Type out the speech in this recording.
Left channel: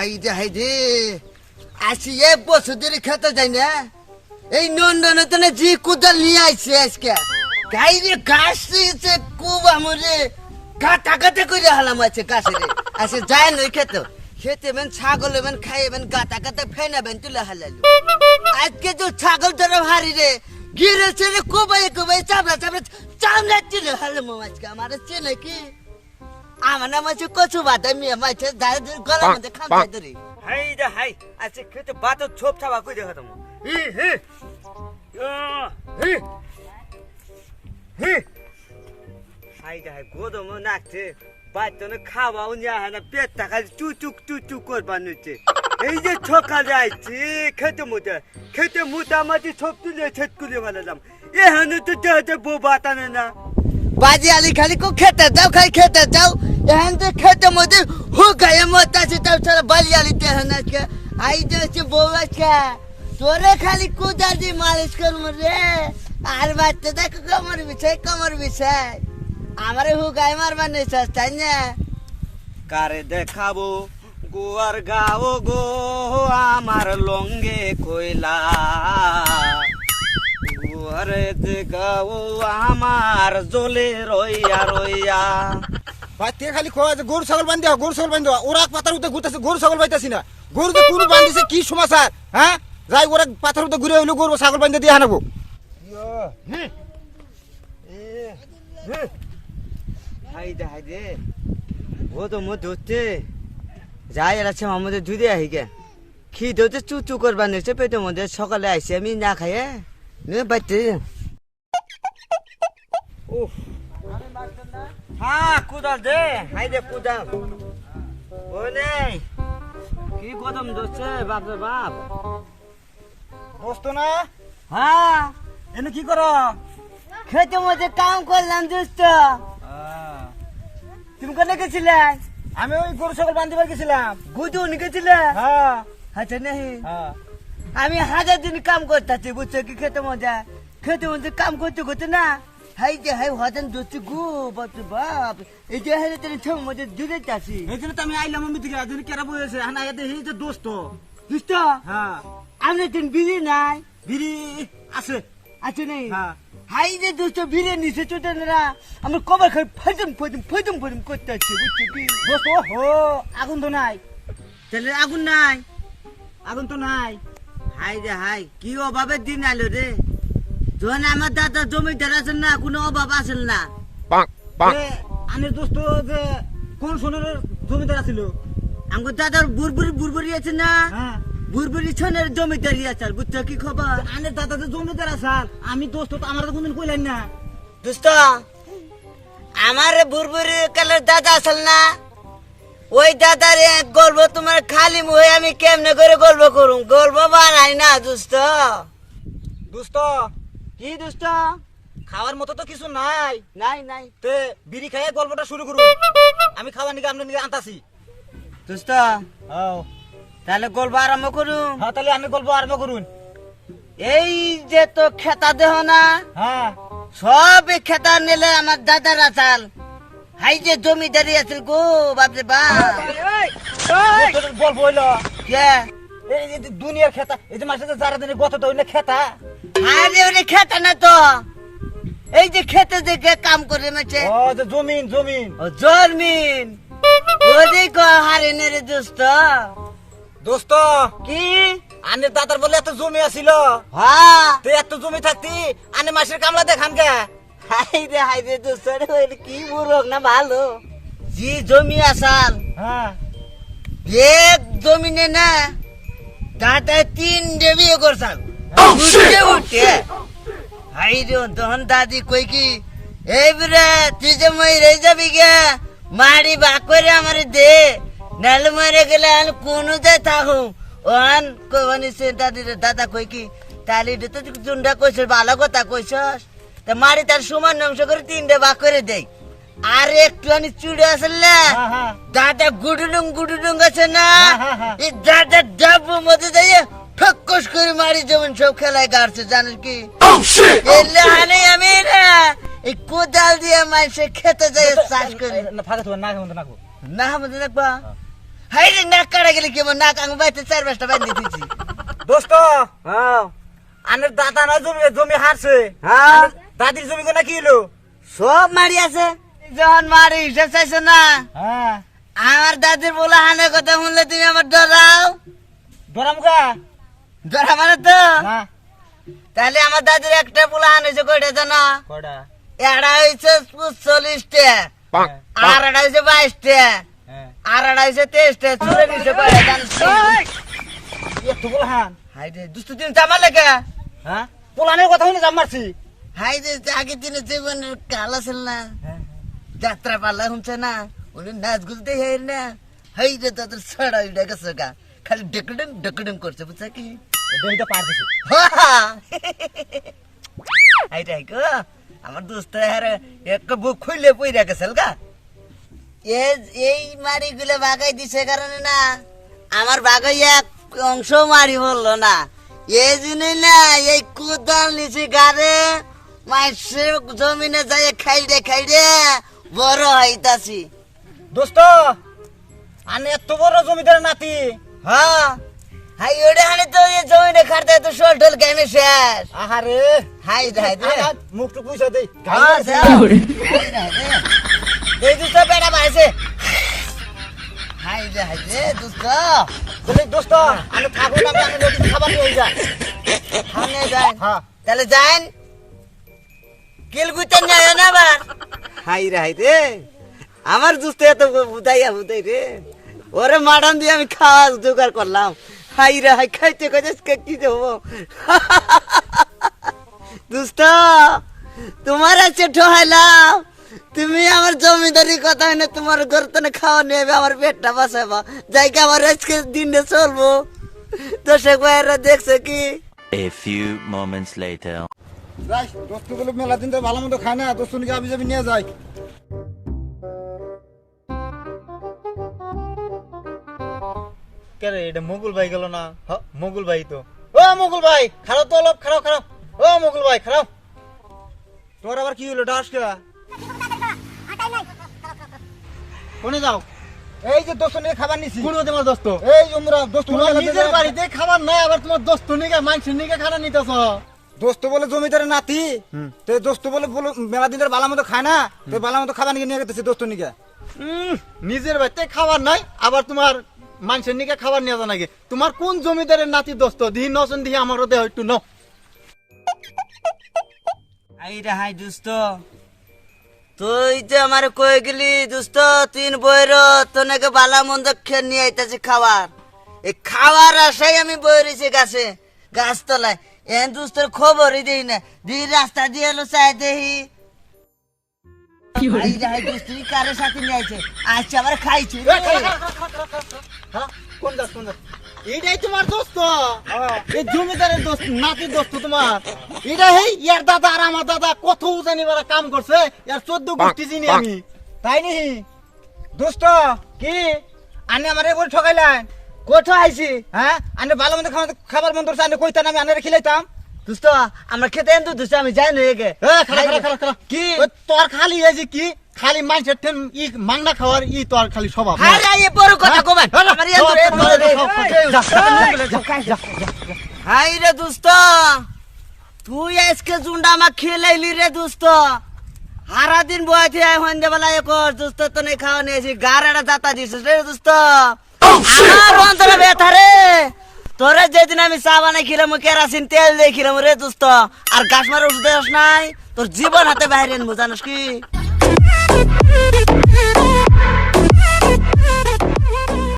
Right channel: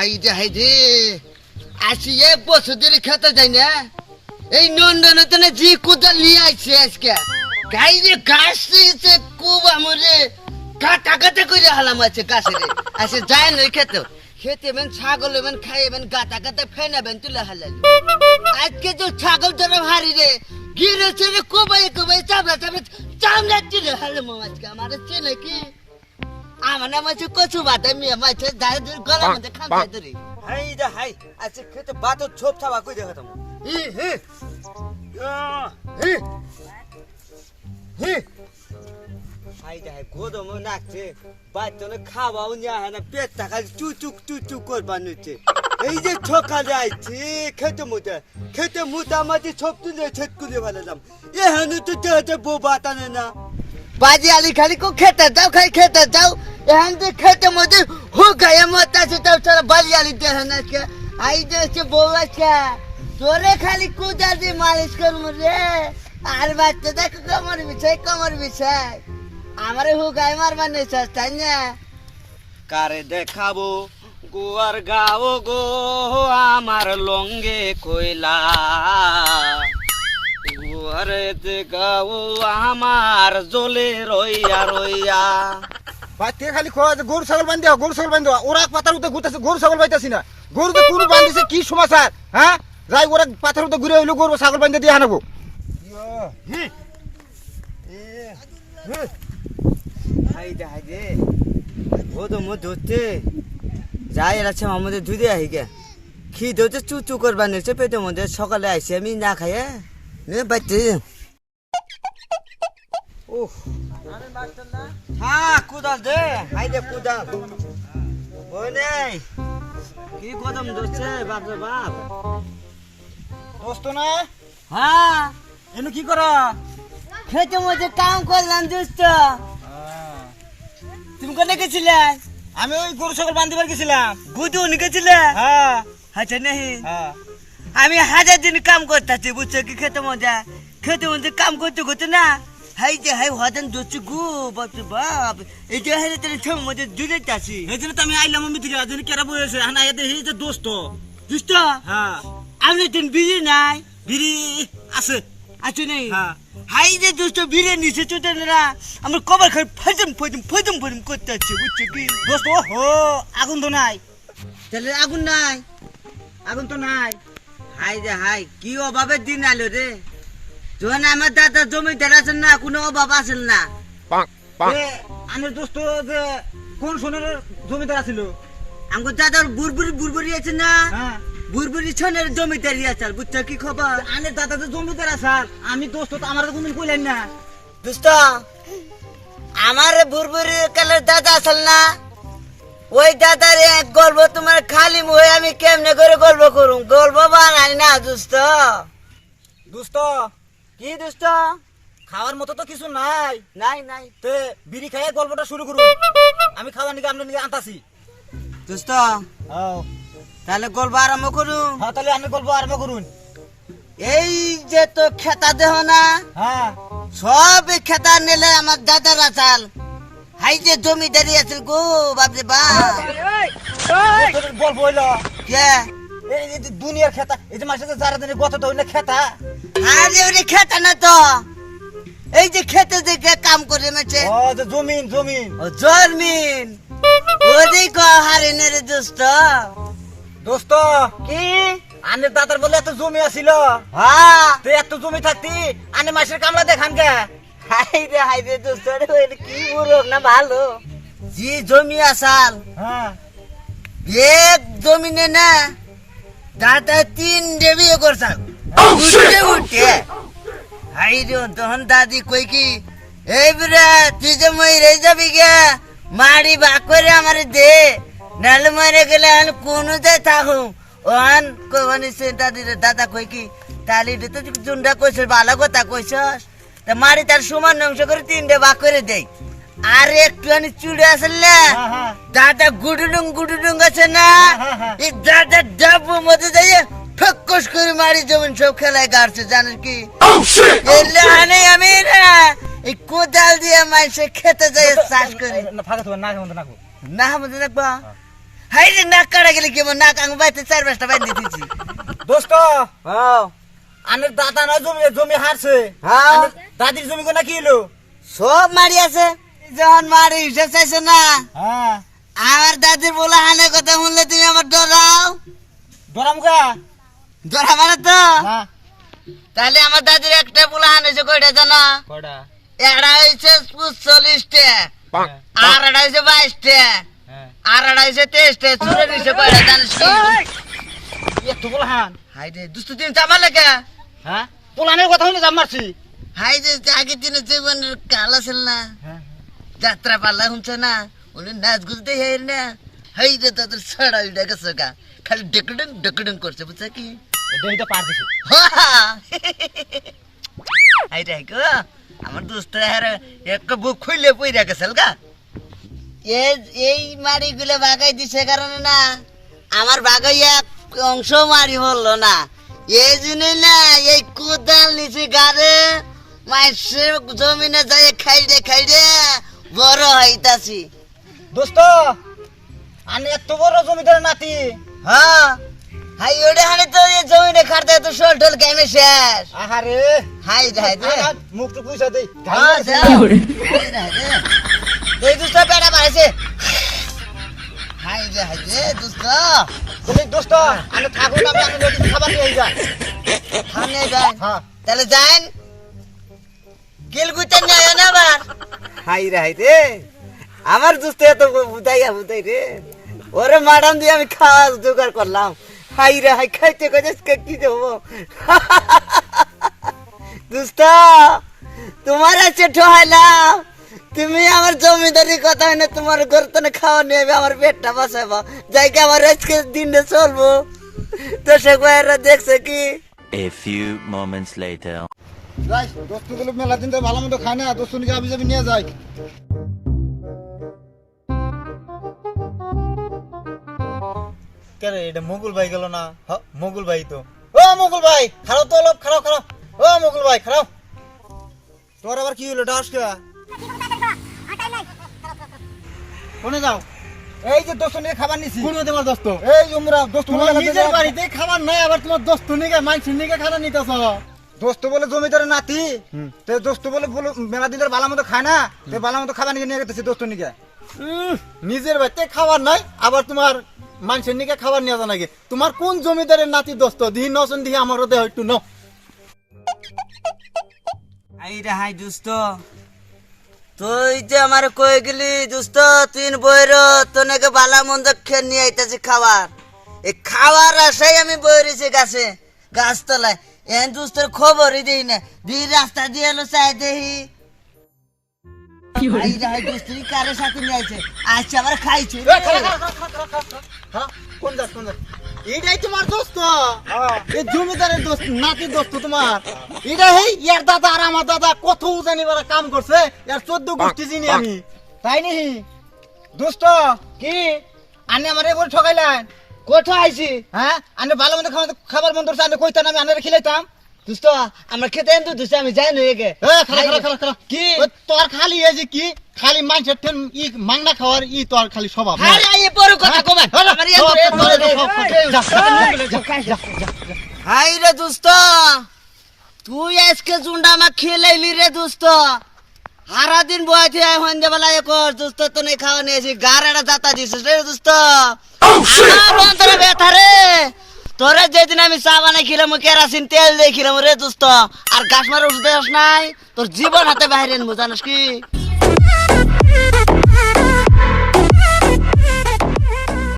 হাইরে আসি 1 বছর ধরে খেতে যাই না। এই নন্দনে জি কোদাল নিয়ে আইছে আজকে গাইরে ঘাস দিয়েছে খুব আমরে কাটা করে হালাম আছে গাছে রে আসে যায় না খেতে বেন ছাগল বেন খাই বেন গাটা ফেনা বেন তুলে হালালো আজকে তো ছাগল ধরে হারি রে গিরেছে রে কোবাই চামড়া তুলে হালাম আজকে আমার চেনে কি আমার নাম আছে কচু বাটা মিয়া মাইছে গলা মধ্যে খামছাই ধরে হাই আজকে খেতে বাতো ছোপ ছাবা কই দেখা তুমি হাই গোদম নাকছে বাচ্চা খাওয়াও নিয়ে হয় না পেটটা খালি চুচুক করবার নিচ্ছে এই যে সকালে আইছি খেতে মুতামাতি সব তুলে ছেদ করে ফেলালাম এখানে তো দেহতে বউ বাতানে না বাজি আলি খালি কো খেতে যাও এখান থেকে খেতে মধ্যে হুকায় মত আছে তাও ছাড়া বালি আলি দেহ না কে আই যে হচ্ছে বউ আছে তোরে খালি কুদার দিয়ে মালিশ করবো রে আর বাচ্চা দেখো কমর বিষয় আমারে হুকায় মারবার নেই তাই না কারে দেখাবো গোয়ার গাও গো আমার লঙ্গে কইলা গোয়ারে দেখাবো আমার জলে রইয়া বাচ্চা খালি গরু ছাগল বান্ধে ওরা পাতার উঠে ঘুরতেছে গরু ছাগল পাইতেছি না গরু তো কোনো বান্ধিছে কি সমাচার হ্যাঁ যাই ওরা পাথর উঠে ঘুরে হইলো গরু ছাগল বান্ধে দিয়ে আনাবো হাইদে ও তো মো ধরতে যাই আছে আমাদের দুধে আহি গে খিদে তো চুচু করবার নিচ্ছে পেটের মধ্যে সকালে আইসি আমি না খাইয়ে নে বাচ্চা উফ হ্যাঁ কুদাল দে হাইদে কুদাল ও নেই কি কদম ধরছে বাপরে বাপ দোস্ত না হ্যাঁ এনে কি কর খেতে মধ্যে কাম করলাম দোস্ত তুমি কোনে গেছিলে আমি ওই গরু ছাগল বান্ধিবার গেছিলাম বুঝু গেছিলে হ্যাঁ আচ্ছা নেই হ্যাঁ আমি 1000 দিন কাম করতেছি বুঝছো কি খেতে মধ্যে কাম করতে না হাই হতেন দোস্ত গো বাপরে বাপ এই যে হাই তোর ছম মধ্যে জুড়ে যাচ্ছি এই জন্য তো আমি আইলাম আমি দিকে আজ কেরা বসে হানা এতে এই যে দোস্ত দোস্ত হ্যাঁ আমি তুমি বিড়ি নাই বিড়ি আছে আছো নেই হ্যাঁ হাই রে দোস্ত বিড়ি নিচে চোটে না আমরা কবার খাই ফজম করতে আছি বুঝছো কি দোস্ত ও আগুন তো নাই তাহলে আগুন নাই আগুন তো নাই হাই কি অভাবের দিন আলো রে যখন আমার দাদা জমিদার আছেন না কোনো অভাব আসেন না আমার দোস্ত যে কোন সোনের জমিদার আছিল আমার দাদার বুরবুরি আছে না হ্যাঁ বুরবুরি ছনের জমিদারি আছে বুঝছো কি খবর আমার দাদা যে জমিদার আসাল আমি দোস্ত তো আমার তো কোনদিন কইলেন না দোস্ত আমার বুরবুরি কালের দাদা আসল না ওই দাদার এক গল্প তোমার খালি মুহে আমি কেমনে করে গল্প করুম গল্প বানাই না দোস্ত দোস্ত কি দোস্ত খাওয়ার মতো তো কিছু নাই নাই তে বিড়ি খাইয়ে গল্পটা শুরু করুন আমি খাওয়ার নিকে আপনার নিকে আনতাছি দোস্ত হ্যাঁ তাহলে গল্প আরম্ভ করুন হ্যাঁ তাহলে আমি গল্প আরম্ভ করুন এই যে তো খেতা দেহ না হ্যাঁ সব খেতা নিলে আমার দাদার আসাল হাই যে জমিদারি আছে গো বাপরে বাপ গল্প হইলো কে এই যে দুনিয়ার খেতা এই যে মাসে যারা দিনে গত তো হইলে খেতা আরে ওরে খেতা না তো এই যে খেতে যে কাম করে মাছে ও যে জমিন ও জরমিন ওরে গো হারে নে রে দোস্ত দোস্ত কি আনের দাদার বলে এত জমি আছিল হ্যাঁ তো এত জমি থাকতি আনে মাসের কামলা দেখান গে হাই রে দোস্ত রে কি বুড়ক না ভালো জি জমি আসাল হ্যাঁ এক জমিনে না দাদা 3 বিয়ে করছাল উঠে হাই রে তখন দাদি কই কি এই বুড়া তুই যে মই রে যাবি গে মারি বাক করে আমারে দে নালে মরে গেলে আমি কোনো যায় থাকু ওহান কোনি সে দাদা কই কি তালি তো জুন্ডা কইছস ভালো কথা কইছস তা মারি তার সমান অংশ করে 3 ভাগ করে দেই আর একটুখানি চুড়ে আসল না দাদা গুডুলুং আছে না এই দাদা ডাবু মধ্যে যাইয়ে ঠক্কস করে মারি জমিন সব খেলায় গাড়ছে জানিস কি এলে আনে আমি না এই কোদাল দিয়ে মাইসে খেতে যাই চাষ করি ফাঁকা তো না কেমন না না মধ্যে দেখবা হাই রে নাক কাটা গেলে কেমন নাক আঙু বাইতে 4-5টা বাইন্ধে দিছি দোস্ত হ্যাঁ আনের দাদা না জমি জমি হারছে হ্যাঁ আনের দাদির জমি কোনা কি হলো সব মারি আছে যখন মারি হিসাব চাইছো না হ্যাঁ আমার দাদির বলা হানের কথা শুনলে তুমি আমার ডরাও দরামগা ডরা মানে তো না তাহলে আমার দাদির একটা বলা হানেছে কয়টা জানো কয়টা এটা হয়েছে 40টা আর এটা হয়েছে 22টা হ্যাঁ আর এটা হয়েছে 23টা চুরে দিছে কয়টা জানিস একটু বলহান হাই রে দুস্তু দিন চামার লেগে হ্যাঁ পোলানের কথা হইলে জাম মারছি হাই যে আগের দিনে জীবনের কাল আছিল না হ্যাঁ যাত্রা পাল্লা শুনছে না উনি নাচ গুলতে হের না হাই রে তোদের ছড়া উঠে গেছে গা খালি ডেকুডং করছে বুঝছে কি দেহিটা পার দিছে হাই রে গো আমার দোস্ত হের এক বুক খুইলে পইরা গেছিল গা এই মারি গুলো বাগাই দিছে কারণে না আমার বাগাই এক অংশ মারি বললো না এই জন্যই না এই কোদাল নিচে গাড়ে মাইসের জমিনে যাই খাইরে বড় হইতাছি দোস্ত আনে এত বড় জমিদার নাতি হ্যাঁ হাই ওটা হানি তো এই জমিনে খাটতে তো শোল টোল গেমে শেষ আহারে হাই রে মুখ তো পয়সা দেই এই দুষ্ট বেড়া বাড়ছে হাই রে দুষ্ট বলি দোস্ত আনে থাকো না আমি নদীতে খাবার নিয়ে যাই সামনে যান হ্যাঁ তাহলে যান কিলগুতে নয় না আবার হাই রে আমার দুষ্ট এত বুদাই রে ওরে মাডাম দিয়ে আমি খাওয়া জোগাড় করলাম হাই রে হাই খাইতে খাইতে কি দেবো দুষ্ট তোমার আছে ঠহাইলাম তুমি আমার জমিদারি কথা হয় না তোমার ঘর তো খাওয়া নেবে আমার পেটটা বাঁচাবো জায়গা আমার আজকে দিনে চলবো দর্শক ভাইয়েরা দেখছে কি A few moments later. যাই দোস্ত গুলো মেলা দিন তো ভালো মতো খায় না দোস্ত নিকে আবি যাবি নিয়ে যাই কেরে এটা মুগুল ভাই গেল না মুগুল ভাই তো ও মুগুল ভাই খারাপ তো অলপ খারাপ ও মুগুল ভাই খারাপ তোর আবার কি হলো ডাস কে কোনে যাও এই যে দোস্ত নিয়ে খাবার নিছি কোন তোমার দোস্ত এই উমরা দোস্ত নিজের বাড়িতে খাবার নাই আবার তোমার দোস্ত নিকে মাংস নিকে খানা নিতেছ দোস্ত বলে জমিদারের নাতি তে দোস্ত বলে মেলা দিনের বালা মতো খায় না তে বালা মতো খাবার নিয়ে নিয়ে গেছে দোস্ত নিকে নিজের বাড়িতে খাবার নাই আবার তোমার মানুষের নিকে খাবার নিয়ে নাকি তোমার কোন জমিদারের নাতি দোস্ত দিহি নসন দিহি আমারও দেহ একটু ন আই রে হাই দুস্ত তুই যে আমার কই গেলি দুস্ত 3 বইর তো নাকি বালা মন্দ খেয়ে নিয়ে আইতাছি খাবার এই খাবার আশাই আমি বইরেছি গাছ তলায় এন দুস্তর খবরই দেই না দুই রাস্তা দিয়ে এলো চাই দেহি আই রে হাই দুস্ত কারোর সাথে নিয়ে আইছে আচ্ছা আবার খাইছি কোন দাস এইটাই তোমার দোস্ত এই জমিদারের দোস্ত নাতি দোস্ত তোমার এটা হেই ইয়ার দাদা আর আমার দাদা কত জানি বড় কাম করছে ইয়ার 14 গোষ্ঠী চিনি আমি তাই নি দোস্ত কি আনে আমারে বল ঠকাইলেন কোথা আইছি হ্যাঁ আনে ভালো মন্দ খাবার বন্ধ করছে আনে কইতাম আমি আনে খিলাইতাম দুস্ত আমার খেতে এন তো দুস্ত আমি যাই নই গে খালা কি তোর খালি এই যে কি খালি মাংসের ঠেন ই মাংনা খাওয়ার ই তোর খালি স্বভাব আরে আই বড় কথা কবেন আমার এন হাই রে দুস্ত তুই আজকে জুন্ডা মা খেলাইলি রে দুস্ত হারা দিন বয়তে হন্দে বেলা কর দুস্ত তো নেই খাওয়া নিয়েছি গাড়াটা যাতা দিছিস রে দুস্ত আমার অন্তরে ব্যথা রে তোরে যেদিন আমি চা বানাই খিলাম কেরাসিন তেল দিয়ে খিলাম রে দুস্ত আর গাছ মারা ওষুধ নাই তোর জীবন হাতে বাইরে জানিস কি